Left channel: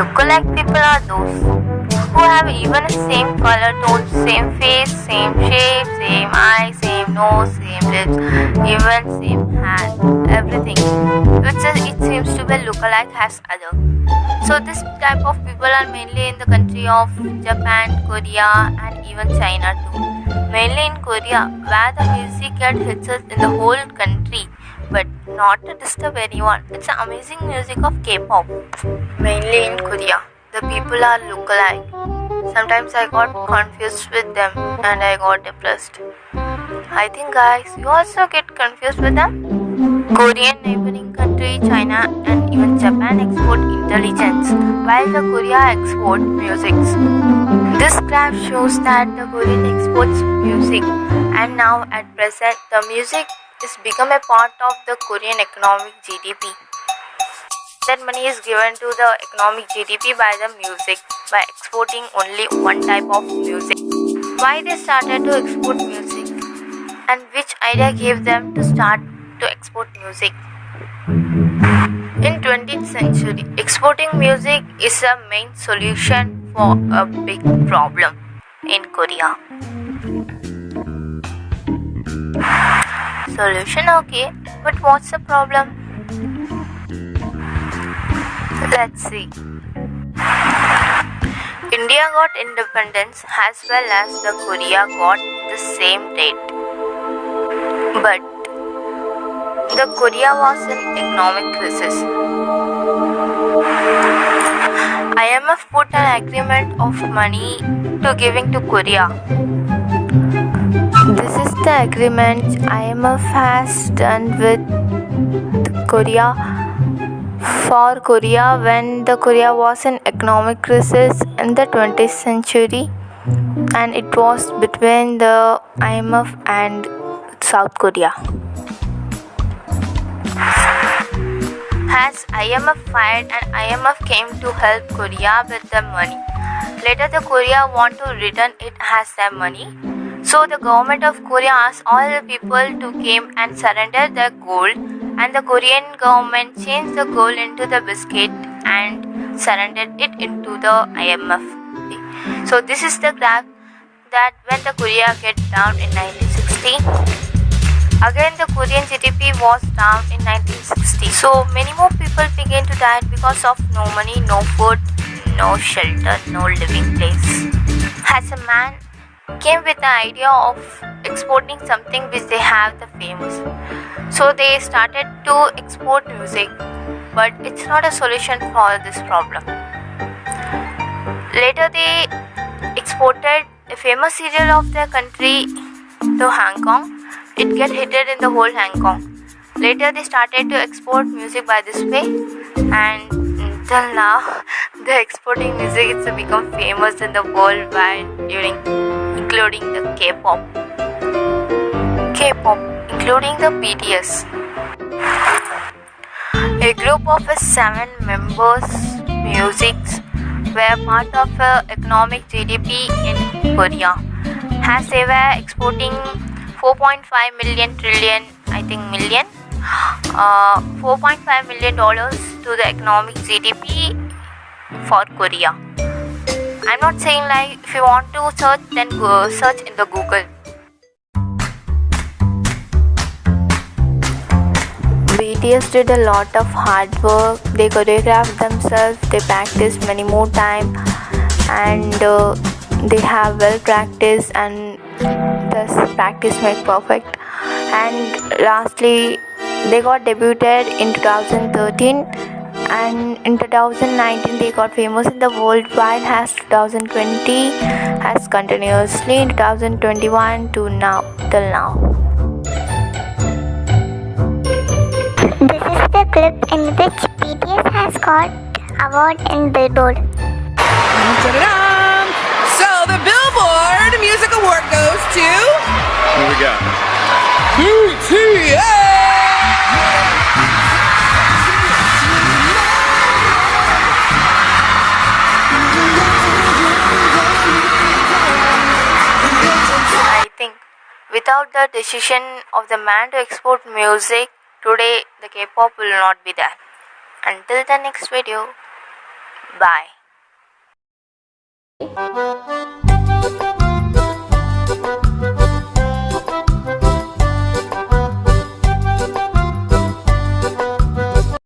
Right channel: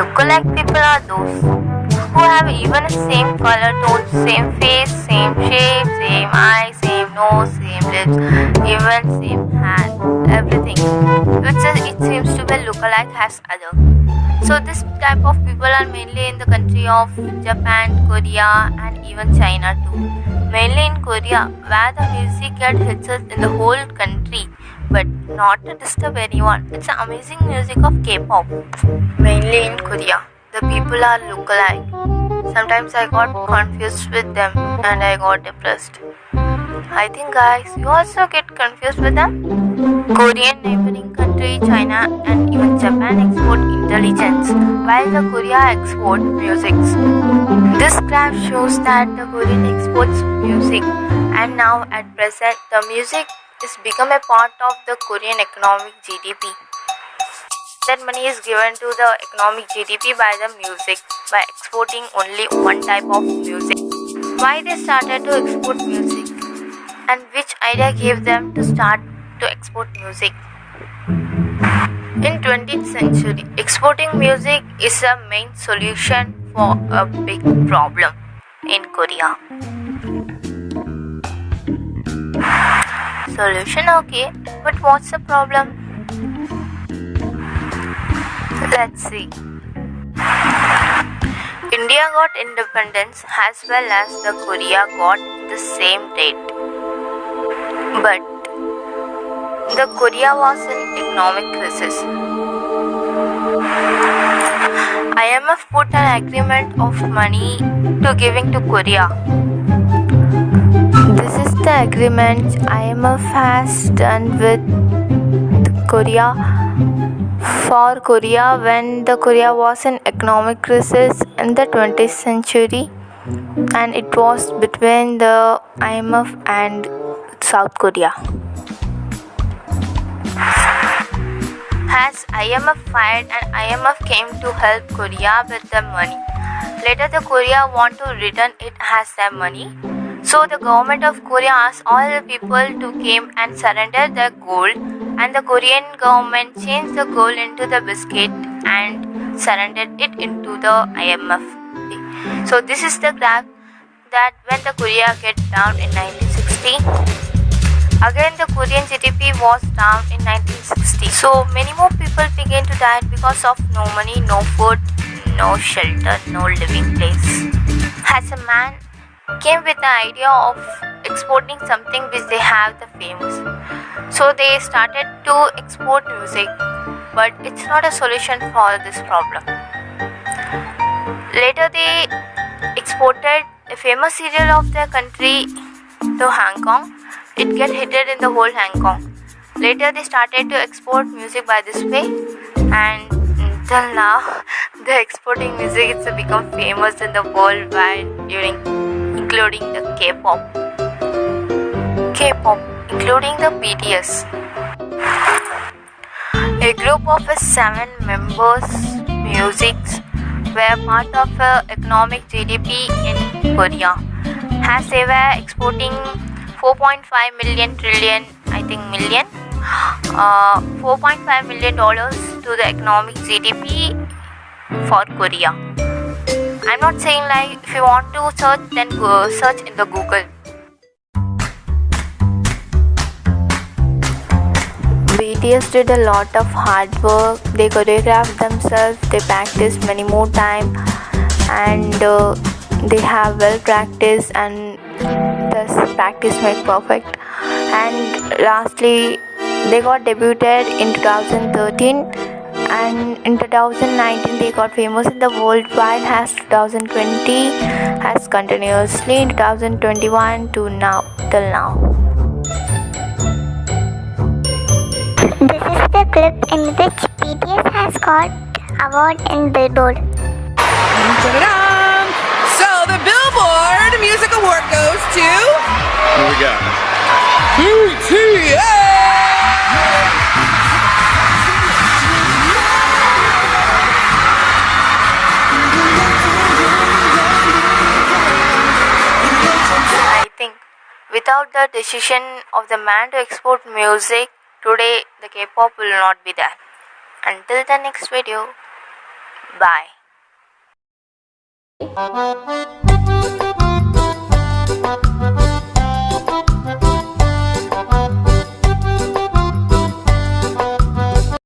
Lookalike people are those who have even the same color tone, same face, same shape, same eyes, same nose, same lips, even same hand, everything. It seems to be lookalike has other. So this type of people are mainly in the country of Japan, Korea, and even China too. Mainly in Korea, where the music hits us in the whole country, but not to disturb anyone. It's an amazing music of K-pop. Mainly in Korea, the people are lookalike. Sometimes I got confused with them and I got depressed. I think guys, you also get confused with them. Korean neighboring country China and even Japan export intelligence, while the Korea export music. This graph shows that the Korean exports music, and now at present the music is become a part of the Korean economic GDP. That money is given to the economic GDP by the music by exporting only one type of music. Why they started to export music, and which idea gave them to start to export music? In 20th century, exporting music is a main solution for a big problem in Korea. Solution okay, but what's the problem? Let's see. India got independence as well as the Korea got the same date. But the Korea was in economic crisis. IMF put an agreement of money to giving to Korea. This is the agreement IMF has done with Korea for Korea when the Korea was in economic crisis in the 20th century, and it was between the IMF and South Korea. As IMF fired and IMF came to help Korea with the money. Later the Korea want to return it as their money, So the government of Korea asked all the people to come and surrender their gold, and the Korean government changed the gold into the biscuit and surrendered it into the IMF. So this is the graph that when the Korea get down in 1960. Again, the Korean GDP was down in 1960. So many more people began to die because of no money, no food, no shelter, no living place. As a man came with the idea of exporting something which they have the famous. So they started to export music, but it's not a solution for this problem. Later they exported a famous serial of their country to Hong Kong. It get hitted in the whole Hong Kong. Later they started to export music by this way, and till now the exporting music it's become famous in the world wide, including the K-pop, including the BTS. A group of 7 members musics were part of economic GDP in Korea, as they were exporting 4.5 million trillion, I think million, $4.5 million to the economic GDP for Korea. I'm not saying like if you want to search, then go search in the Google. BTS did a lot of hard work. They choreographed themselves, they practiced many more time, and they have well practiced, and thus practice make perfect. And lastly, they got debuted in 2013, and in 2019 they got famous in the worldwide, as 2020 has continuously in 2021 to now till now. This is the clip in which BTS has got award in Billboard. Ta-da-da! So the Billboard Music Award goes to... Who we got? BTS! I think without the decision of the man to export music, today the K-pop will not be there. Until the next video, bye.